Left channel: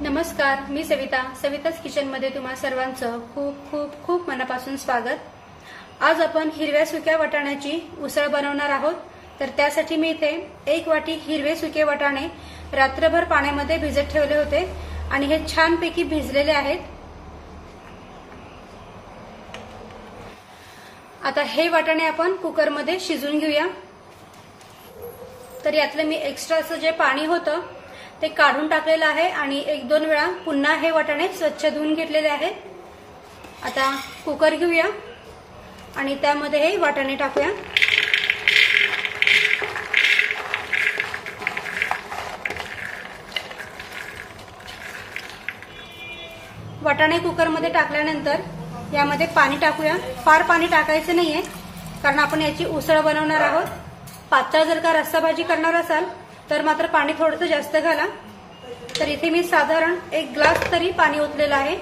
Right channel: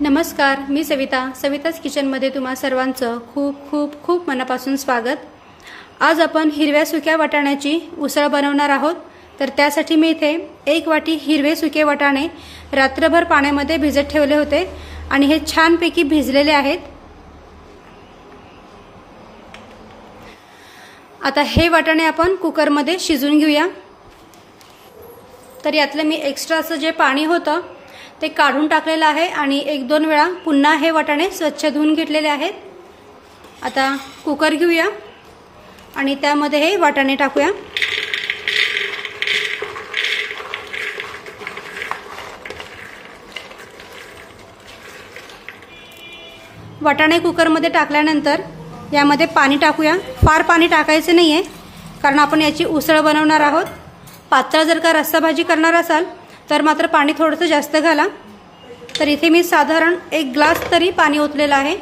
नमस्कार, मी सविताच किचनमध्ये तुम्हा सर्वांचं खूप खूप खूप मनापासून स्वागत। आज आपण हिरव्या सुक्या वाटाण्याची उसळ बनवणार आहोत। तर त्यासाठी मी इथे 1 वाटी हिरवे सुके वाटाणे रात्रभर पाण्यामध्ये भिजत ठेवले होते आणि हे छानपैकी भिजलेले आहेत। आता हे वाटाणे आपण कुकरमध्ये शिजवून घेऊया। तर यातलं मी एक्स्ट्राचं जे पाणी होतं ते काढून टाकलेलं आहे आणि 1-2 वेळा पुन्हा हे वाटाणे स्वच्छ धुवून घेतलेले आहेत। आता कुकर घेऊया आणि त्यामध्ये हे वाटाणे टाकूया। वाटाणे कुकरमध्ये टाकल्यानंतर यामध्ये पाणी टाकूया। फार पाणी टाकायचे नाहीये कारण आपण याची उसळ बनवणार आहोत। पातळ जर का रस्सा भाजी करणार असाल तर मात्र पाणी थोडंसं जास्त घाला। तर इथे मी साधारण 1 ग्लास तरी पाणी ओतलेलं आहे।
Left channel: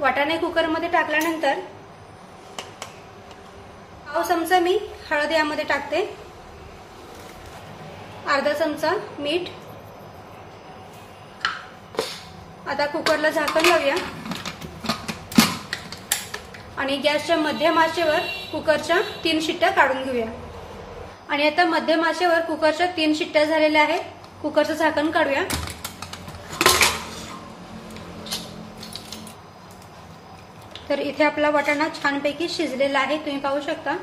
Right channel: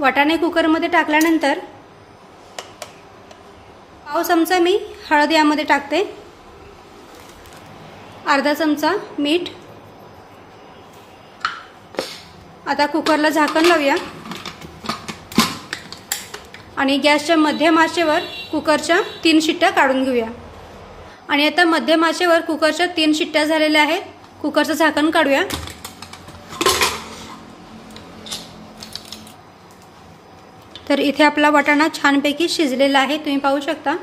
वाटाणे कुकरमध्ये टाकल्यानंतर पाव चमचा मी हळद यामध्ये टाकते, अर्धा चमचा मीठ। आता कुकरला झाकण लावूया आणि गॅसच्या मध्यम आचेवर कुकरच्या 3 शिट्ट्या काढून घेऊया। आणि आता मध्यम आचेवर कुकरच्या 3 शिट्ट्या झालेल्या आहेत। कुकरचं झाकण काढूया। तर इथे आपला वाटाणा छानपैकी शिजलेला आहे, तुम्ही पाहू शकता।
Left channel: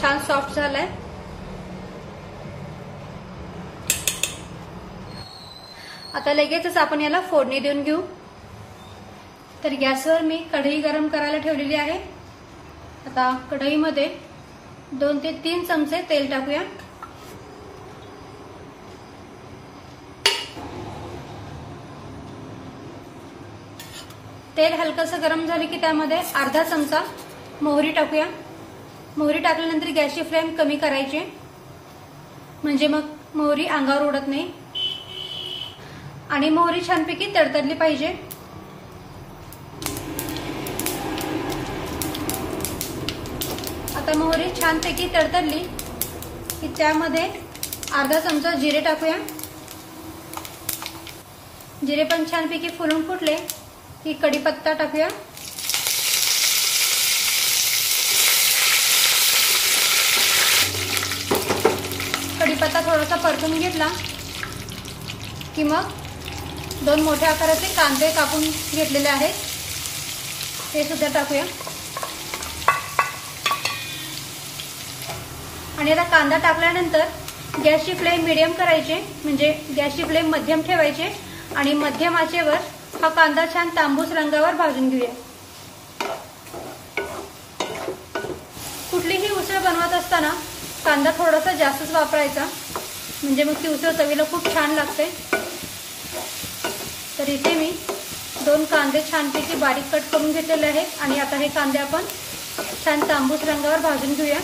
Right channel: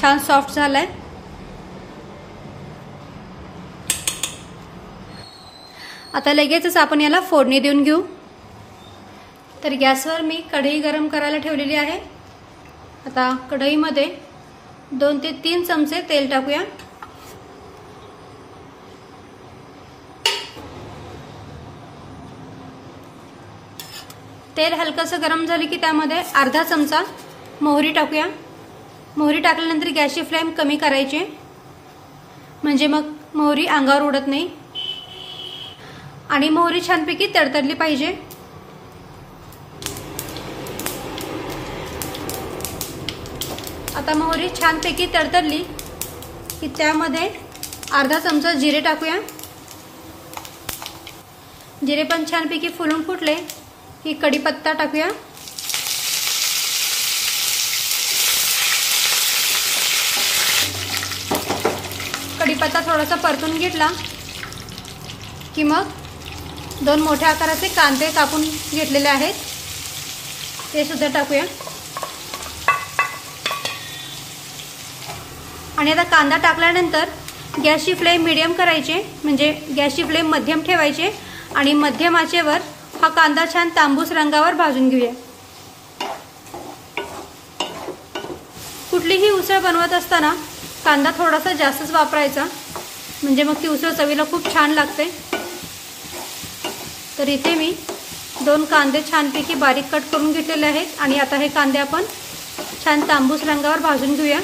छान सॉफ्ट झालाय। आता लगेचच आपण याला फोडणी देऊन घेऊ। तर गॅसवर मी कढई गरम करायला ठेवलेली आहे। आता कढईमध्ये 2 ते 3 चमचे तेल टाकूया। तेल हलकसं गरम झाले की त्यामध्ये अर्धा चमचा मोहरी टाकूया। मोहरी टाकल्यानंतर गॅसची फ्लेम कमी करायची म्हणजे मग मोहरी अंगावर उडत नाही आणि मोहरी छानपैकी तडतडली पाहिजे। आता मोहरी छानपैकी तडतडली की त्यामध्ये अर्धा चमचा जिरे टाकूया। जिरे पण छानपैकी फुलून फुटले की कढीपत्ता टाकूया। कढीपत्ता थोडासा परतून घेतला की मग 2 मोठ्या आकाराचे कांदे कापून घेतलेले आहेत ते सुद्धा टाकूया। आणि आता कांदा टाकल्यानंतर गॅसची फ्लेम मीडियम करायची म्हणजे गॅसची फ्लेम मध्यम ठेवायची आणि मध्यम आचेवर हा कांदा छान तांबूस रंगावर भाजून घेऊया। कुठलीही उसळ बनवत असताना कांदा थोडासा जास्तच वापरायचा म्हणजे मग ती उसळ चवीला खूप छान लागते। तर इथे मी 2 कांदे छानपैकी बारीक कट करून घेतलेले आहेत आणि आता हे कांदे आपण छान तांबूस रंगावर भाजून घेऊया।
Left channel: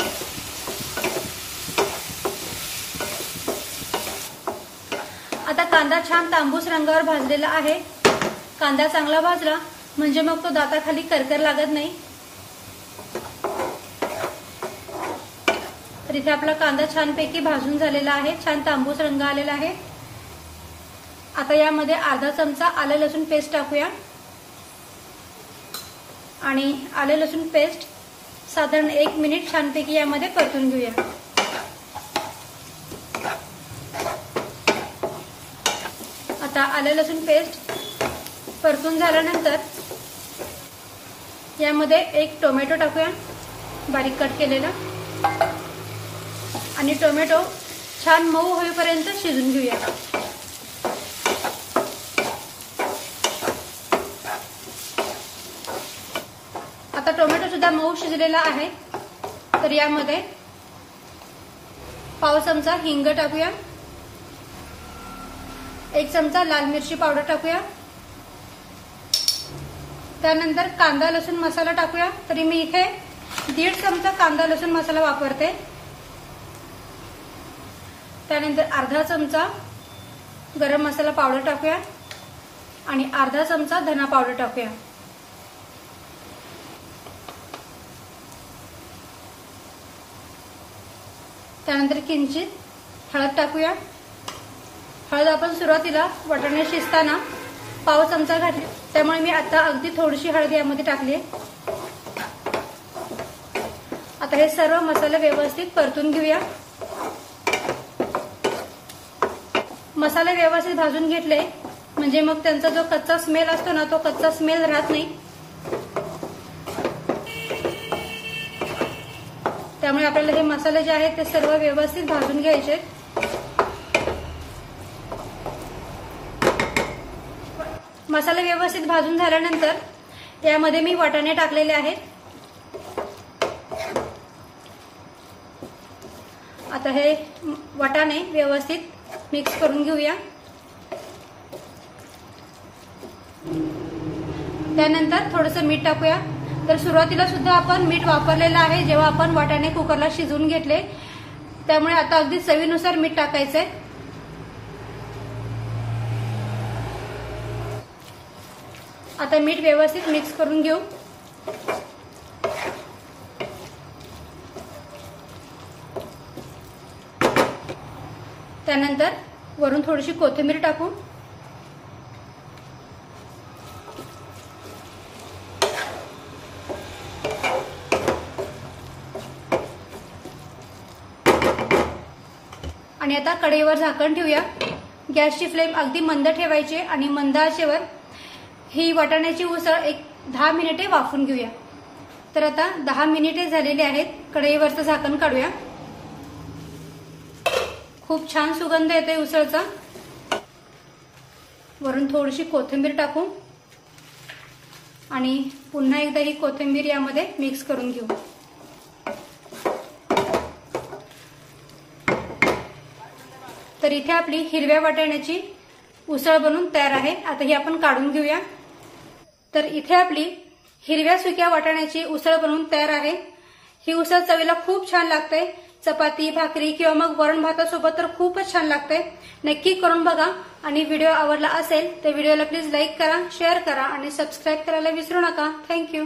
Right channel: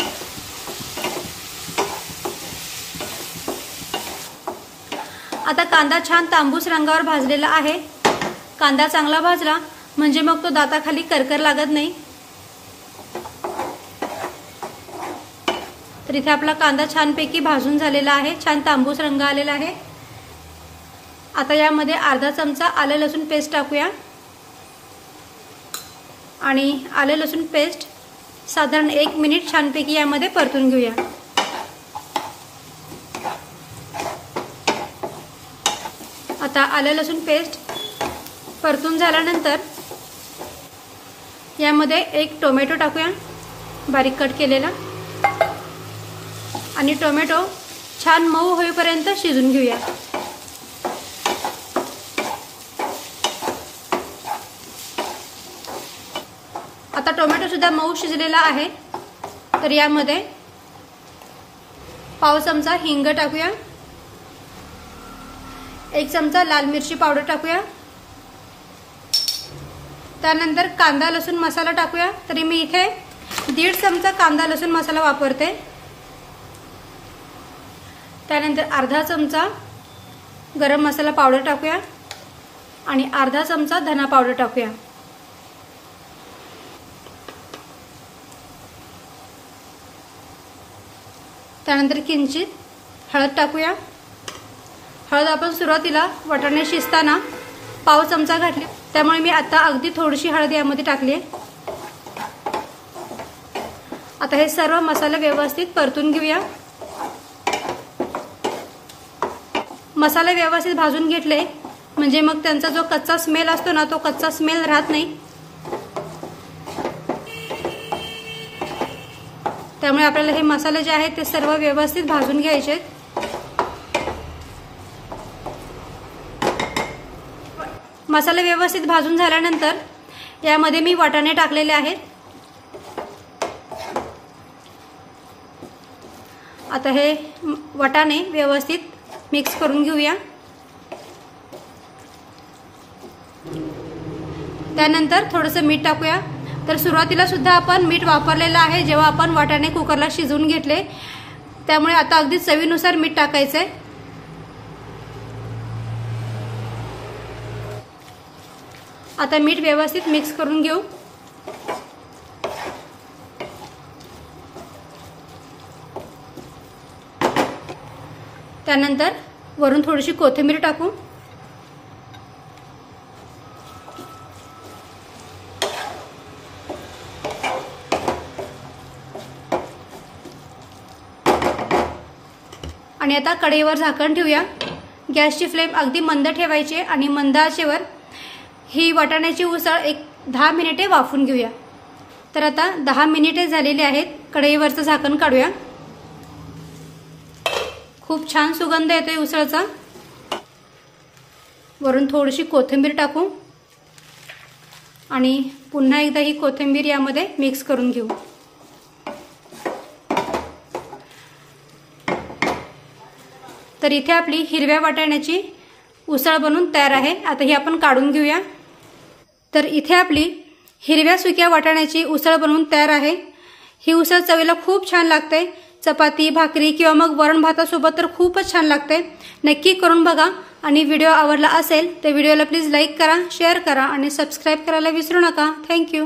आता कांदा छान तांबूस रंगावर भाजलेला आहे। कांदा चांगला भाजला म्हणजे मग तो दाताखाली करकर लागत नाही। तर इथे आपला कांदा छानपैकी भाजून झालेला आहे, छान तांबूस रंग आलेला आहे। आता यामध्ये अर्धा चमचा आले लसूण पेस्ट टाकूया आणि आले लसूण पेस्ट साधारण 1 मिनिट छानपैकी यामध्ये परतून घेऊया। आता आले लसूण पेस्ट परतून झाल्यानंतर यामध्ये 1 टोमॅटो टाकूया बारीक कट केलेला आणि टोमॅटो छान मऊ होईपर्यंत शिजून घेऊया। आता टोमॅटो सुद्धा मऊ शिजलेला आहे। तर यामध्ये पाव चमचा हिंग टाकूया, 1 चमचा लाल मिरची पावडर टाकूया। त्यानंतर कांदा लसूण मसाला टाकूया। तरी मी इथे 1.5 चमचा कांदा लसूण मसाला वापरते। त्यानंतर अर्धा चमचा गरम मसाला पावडर टाकूया आणि अर्धा चमचा धना पावडर टाकूया। त्यानंतर किंचित हळद टाकूया। हळद आपण सुरुवातीला वाटाणे शिजताना पाव चमचा घातली, त्यामुळे मी आता अगदी थोडीशी हळद यामध्ये टाकली। आता हे सर्व मसाले व्यवस्थित परतून घेऊया। मसाले व्यवस्थित भाजून घेतले म्हणजे मग त्यांचा जो कच्चा स्मेल असतो ना, तो कच्चा स्मेल राहत नाही। त्यामुळे आपल्याला हे मसाले जे आहेत ते सर्व व्यवस्थित भाजून घ्यायचे। मसाले व्यवस्थित भाजून झाल्यानंतर यामध्ये मी वाटाणे टाकलेले आहेत। आता हे वाटाणे व्यवस्थित मिक्स करून घेऊया। त्यानंतर थोडंसं मीठ टाकूया। तर सुरुवातीला सुद्धा आपण मीठ वापरलेलं आहे जेव्हा आपण वाटाणे कुकरला शिजवून घेतले, त्यामुळे आता अगदी चवीनुसार मीठ टाकायचंय। आता मीठ व्यवस्थित मिक्स करून घेऊ। त्यानंतर वरून थोडीशी कोथिंबीर टाकू। आणि आता कढईवर झाकण ठेवूया। गॅसची फ्लेम अगदी मंद ठेवायची आणि मंद आचेवर ही वाटाण्याची उसळ एक 10 मिनिटे वाफून घेऊया। तर आता 10 मिनिटे झालेली आहेत। कढईवरचं झाकण काढूया। खूप छान सुगंध येतोय उसळचा। वरून थोडीशी कोथिंबीर टाकू आणि पुन्हा एकदा ही कोथिंबीर यामध्ये मिक्स करून घेऊ। तर इथे आपली हिरव्या वाटाण्याची उसळ बनून तयार आहे। आता ही आपण काढून घेऊया। तर इथे आपली हिरव्या सुक्या वाटाण्याची उसळ बनवून तयार आहे। ही उसळ चवीला खूप छान लागते। चपाती, भाकरी किंवा मग वरण भातासोबत तर खूपच छान लागते। नक्की करून बघा आणि व्हिडिओ आवडला असेल तर व्हिडिओला प्लीज लाईक करा, शेअर करा आणि सबस्क्राईब करायला विसरू नका। थँक्यू।